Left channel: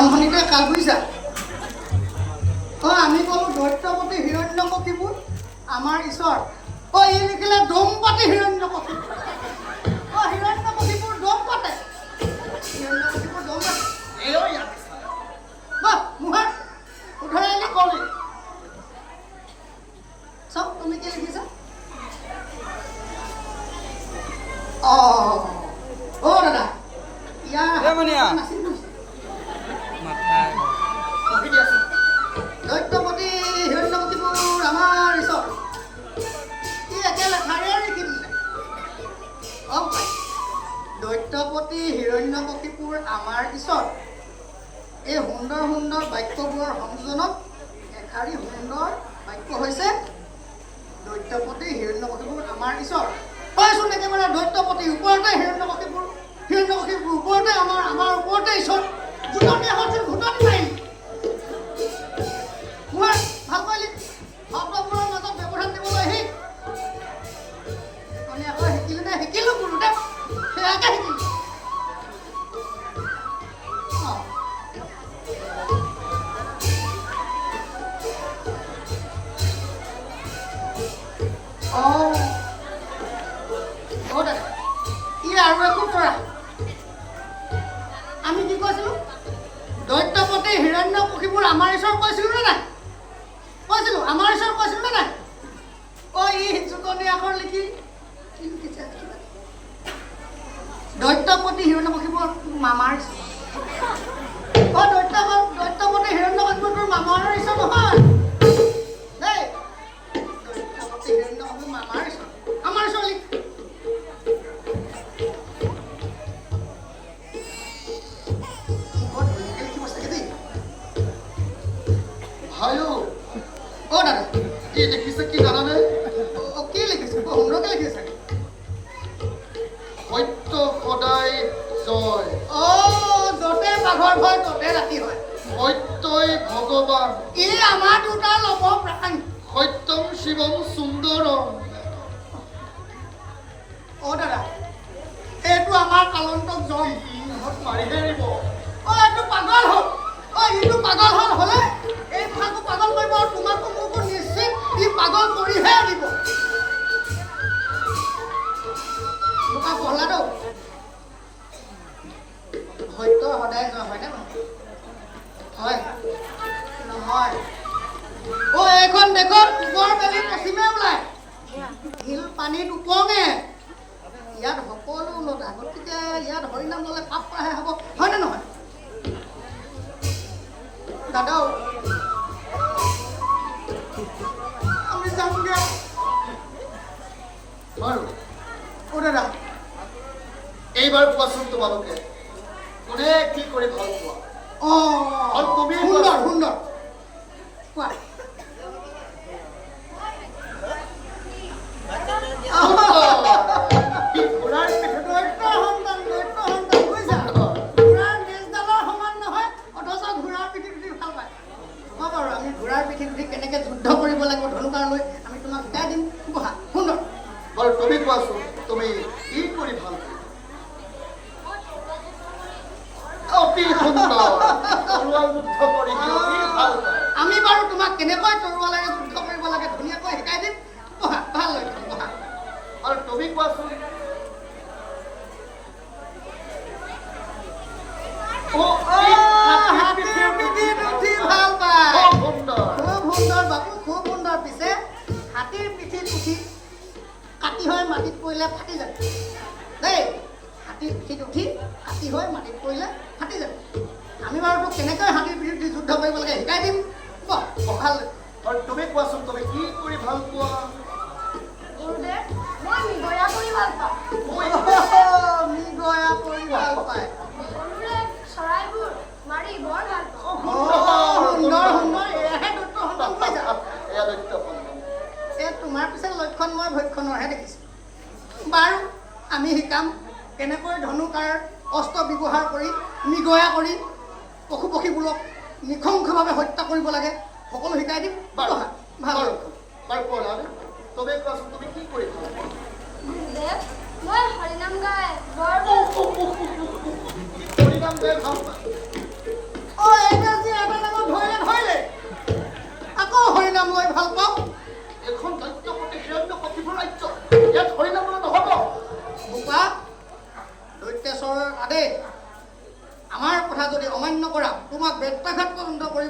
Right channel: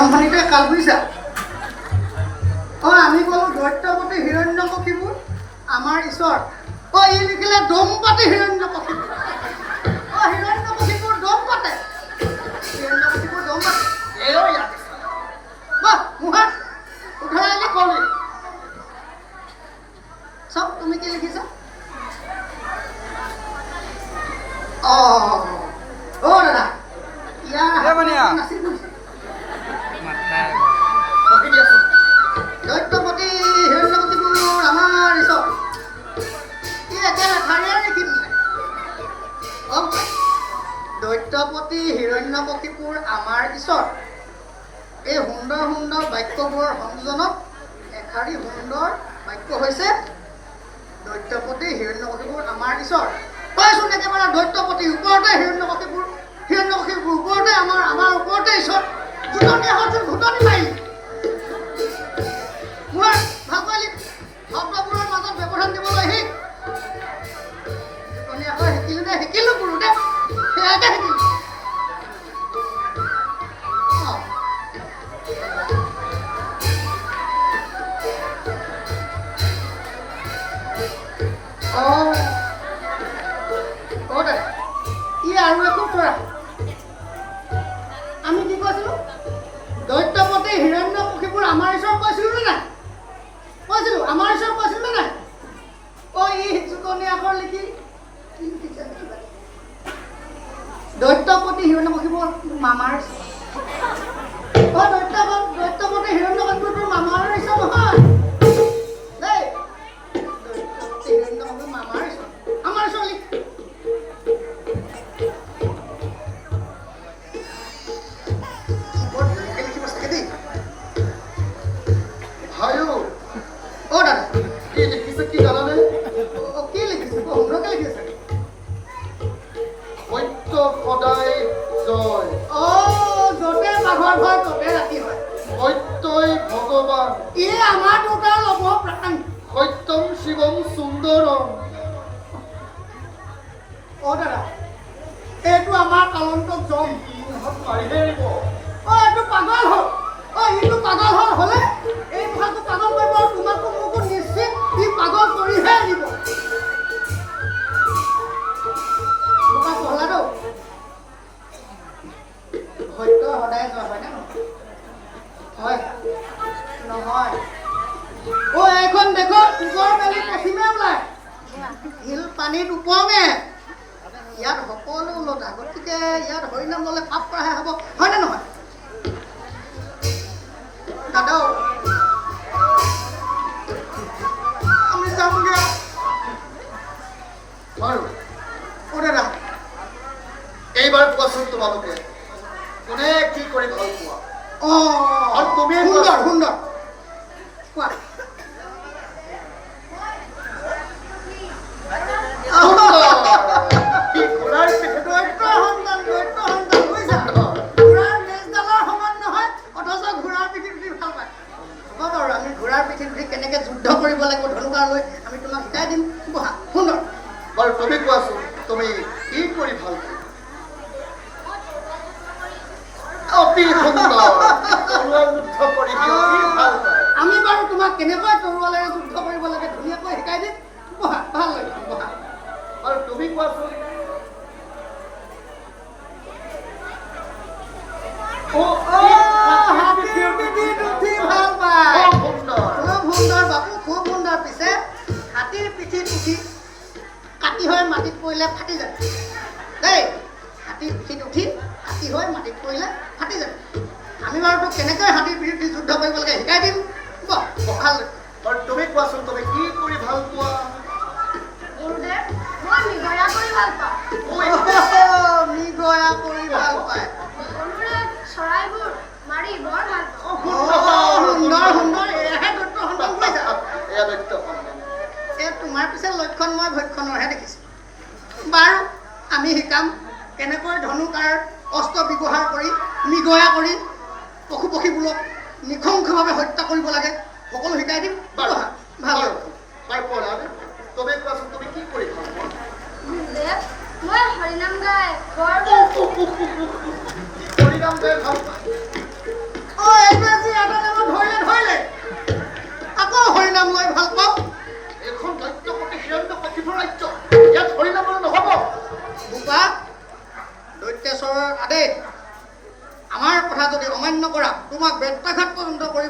আৰম্ভণিতে কাল বুজিছা আমি ক'লো দৈত্যপতি হিৰণ্যকশিপুৰ আমাৰ ঈশ্বৰ ই লিখিলে দম্পতি হিৰণ্যকশিপুৰ হিৰণ্যকশিপুৰ দম পাতে হিৰণ্যকশিপুৰ দম পাতে মুহাত উঠৰাই আনি ক'লি চাওক তুমি কি লিখিছা দাদা ইয়াৰ নাছিল দৈত্যপতি হিৰণ্যকশিপুৰ আমাৰ ঈশ্বৰ ই একে লেখাৰে লিখি দিলে দৈত্যপতি হিৰণ্যকশিপুৰ আমাৰ ঈশ্বৰ এই সুন্দৰ সুন্দৰ বাক্যবোৰৰ সংযোজনত এষাৰি সুন্দৰ বাক্য হৈছে দৈত্যপতি হিৰণ্যকশিপুৰ আমাৰ ঈশ্বৰ কৈছোন একেবাৰে দৈত্যপতি ওপৰতে হিৰণ্যকশিপুৰ ওপৰতে আমাৰ ওপৰতে ঈশ্বৰ ঘুটনি এখন ঘুটনি মাৰিলি মই ভাল কৰিলি শব্দবোৰৰ মাজত ব্যৱধান দিবলৈ শিক আকৌ শিকিলো নে শিকিলো গুৰু দে সেয়াকে শিকিলো আৰু একো তৰা আমি কি কৈছিলো দৈত্যপতি হিৰণ্যকশিপুৰ আমাৰ ঈশ্বৰ কৈছিলো নে নাই কৈছিলো আমাৰ ঈশ্বৰ কৈছিলো নে নাই ই চুকনি আখৰ লিখি কি লিখিছে দৈত্যপতি হিৰণ্যকশিপুৰ মামাৰ দৈত্যপতি হিৰণ্যকশিপুৰ তোৰ মামাৰ ঈশ্বৰ নহয় দেই দৈত্যপতি হিৰণ্যকশিপুৰ মামাৰ ঈশ্বৰ আমাৰ ঈশ্বৰ লিখ এইটো আমাৰ কালন্তক জম এইটো পাগল হ'ল ইটো পাগল হ'লে এই কথাটো পাগল কৰিব আৰু তোমাকো মোকো নিশ্চিত ই পাগল কৰিহে দিব মোকা পহলাটো সত্য সদায় জয় হয় নে হয় নহয় এইখন দেশত ওপৰ মেলি পশ্চিমে ওলায় শিল পানীত উপঙে ইয়াত সকলো ওলটা গতিকে ইয়াত হৰিনাম ল'লে পাপ কৰাহে হ'ব হয়নে নহয় দাদাও আমি যামগে বাৰু দাদা এইবাৰ কোৱাচোন তোমালোকে কোনে কি কৰি ভাল পোৱা আৰু তুমি সুন্দৰ কোৱা কেনেকে যুদ্ধ কৰিব লাগিব ধনুকাৰ লৈ আমি তোমাক শিকাই দিম বহা সুন্দৰ বাৰু তুমি কোৱাচোন তুমি কি কৰি ভাল আমি বাৰু তোমাক কেনেকৈ তৰোৱালেৰে যুদ্ধ কৰিব লাগে ধুনীয়াকৈ শিকাই দিম বহা ভাল লাগে বহা আৰু তুমি কোৱাচোন ভাল পায় সুন্দৰ বাবু খুব সুন্দৰ পিছে হাতীৰ পিঠিত উঠি কাটি হৈ মাটিত পৰিলে ফাটি যায় দেই হাতীৰ পিঠিত উঠি কাটি হৈ মাটিত পৰিলে ফাটি যায় আমি বাৰু তোক কেনেকৈ হাতীৰ পিঠিত যুদ্ধ কৰিব লাগে শিকাই দিম ভাল তুমি কোৱাচোন তুমি কি কৰি ভাল পোৱা মৃগয়া কৰি ভাল পায় চৰাইবোৰ মাৰি বৰ ভাল সুন্দৰ সুন্দৰ তোমাৰ পিছে লক্ষণ মই ভক্ষণৰহে দেখিছোঁ বাৰু আমি শিকাম কেনেকৈ ধনুকাৰ অস্ত্ৰ ব্যৱহাৰ কৰি মৃগয়া কৰি পশু পক্ষীবোৰক নিশংসভাৱে হত্যা কৰিব লাগে সকলো শিকাই দিম বাৰু ভাল তুমি কোৱাচোন তুমি কি কৰি মই হৰিনাম গাই বৰ হৰিনাম গাই ভাল পাওঁ নাম লৈ ভাল পাওঁ এইখন দৈত্যপতি হিৰণ্য কশিপুৰ ৰাজ্য ইয়াত হৰিনাম নহ'ব বোকা দৈত্যাচৰৰ আদেশ আমাৰ কথা যদি অমান্য কৰা তোমাক বেত্ৰাঘাত পৰ্যন্ত কৰি